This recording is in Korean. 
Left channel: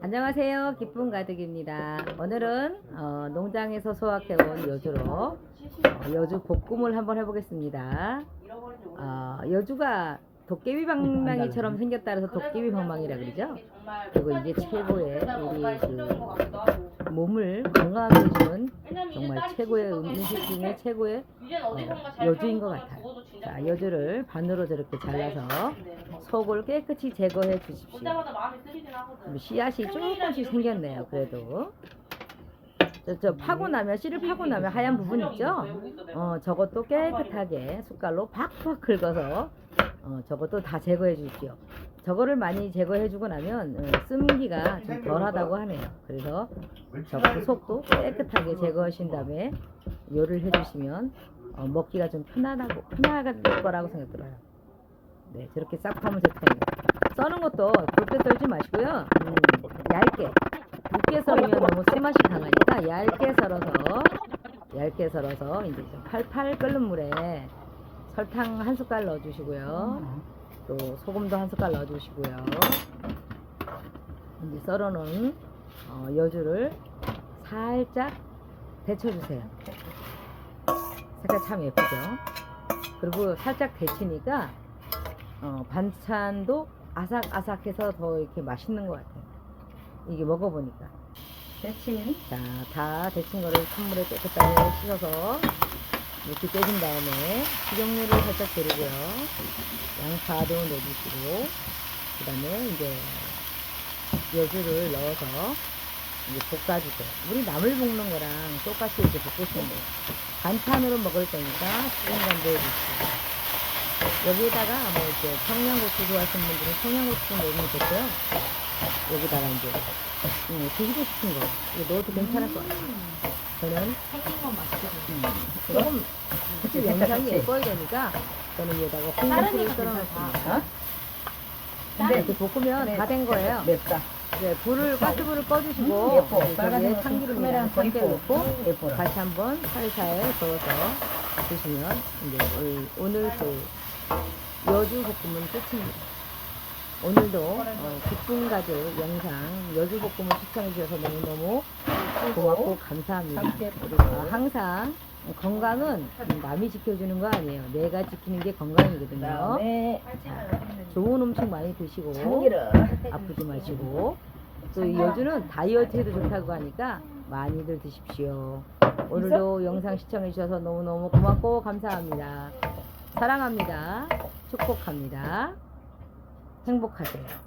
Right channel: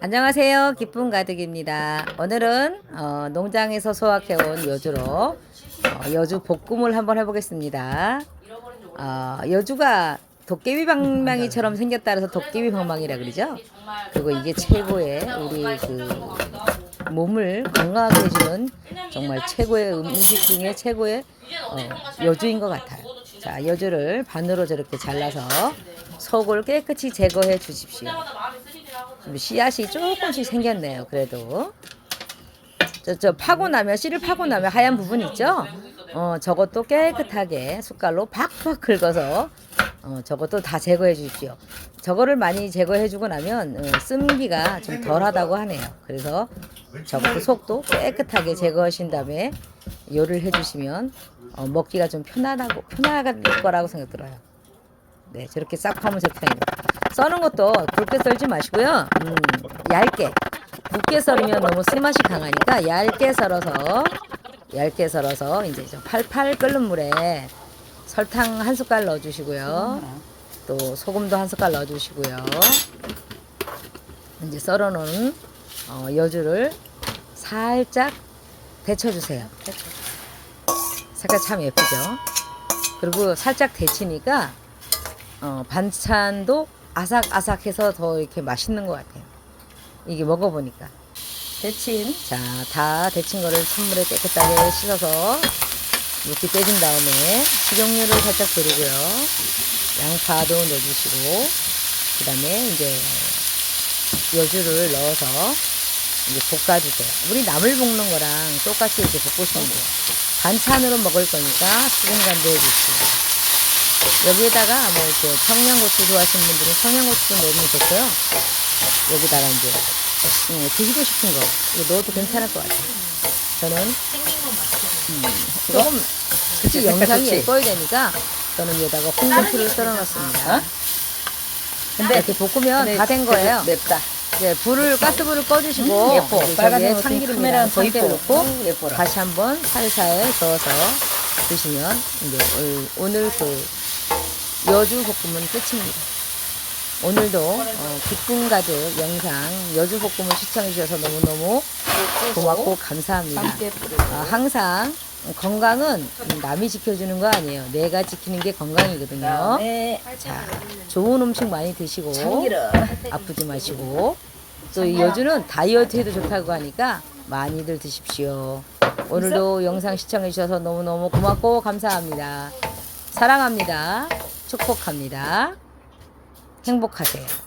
안녕하세요. 기쁨 가득입니다. 오늘은 어, 농장에서 소확해온 여주로 어, 여주 볶음을 한번 해보겠습니다. 어, 여주가 도깨비 방망이처럼 생겼다 그래서 도깨비 방망이라 그러죠. 그리고 이게 최고의 우리 그 몸을 건강하게 해주는 정말 최고의 음식 중에 최고의 어, 여주인 것 같아요. 자, 여주를 반으로 저렇게 잘라서 속을 깨끗이 제거해 주십시오. 좀 씨앗이 조금씩 생겼네요. 그래도 저, 저 파고 나면 씨를 파고 나면 하얀 부분 있죠? 어 저것도 깨끗하게 숟갈로 팍팍 긁어서 어 저것도 다 제거해 주십시오. 저거를 많이 제거해 주고 나면 어, 쓴기가 좀 덜하다고 하네요. 그래서 저것도 속도 깨끗하게 제거하신 다음에 요리를 해주시면 어, 먹기가 좀 편안하고 편안할 거라고 생각 들어요. 네, 저렇게 싹 하면 좋다니. 써는 것도 굵게 썰지 마시고요. 음, 얇게. 굵게 썰으면 너무 쓴맛이 강하니까 얇게 썰어서 얇게 썰어서 이제 좀 팔팔 끓는 물에 설탕 한 숟갈 넣어주시고요. 또 소금도 한 숟갈 넣어주시고요. 이제 썰어놓은 어, 여주를 살짝 데쳐주세요. 색깔 참 예쁘죠? 그리고 살짝 데치니까 어, 반찬도 아삭아삭해서 더 이렇게 맛있는 것 같아요. 이게 먹어보니까. 데친 자, 다 데친 거를 찬물에 깨끗하게 씻어서 이렇게 빼준 다음에 식용유를 살짝 두르고요. 양파도 넣어주시고, 그 다음에 이제 여주를 넣어서 이제 볶아주세요. 우리 나물 볶는 거랑 똑같이 이렇게 볶으시면 돼요. 반찬으로 먹을 거니까 수분 간도 해주시고. 여기에다가 뭐 이렇게 청양고추 좋아하시는 분들은 청양고추 넣으면 좋고요. 여기다가 이제 음, 드시고 싶은 거 이거 넣어도 괜찮을 것 같아요. 저는 생긴 거 맛있어. 조금 그치, 영상이? 예뻐야 되니까 저는 여기다가 콩고추를 썰어 넣습니다. 근데 이렇게 볶으면 다 된 거예요. 맵다. 이제 불을 가스불을 꺼주시고 음, 예뻐. 이제 빨간 참기름이랑 이뻐. 넣고 음, 예뻐라. 다시 한번 살살 저어서 드시면 이제 오- 오늘 그 여주 볶음은 끝입니다. 오늘도 어, 기쁨 가득 영상 여주 볶음을 시청해 주셔서 너무너무 고맙고 감사합니다. 아, 항상 건강은 남이 지켜주는 거 아니에요. 내가 지키는 게 건강이거든요. 네. 자, 좋은 음식 많이 드시고. 아프지 마시고 또 이 여주는 다이어트에도 좋다고 하니까 많이들 드십시오. 오늘도 영상 시청해 주셔서 너무너무 고맙고 감사합니다. 사랑합니다. 축복합니다. 행복하세요.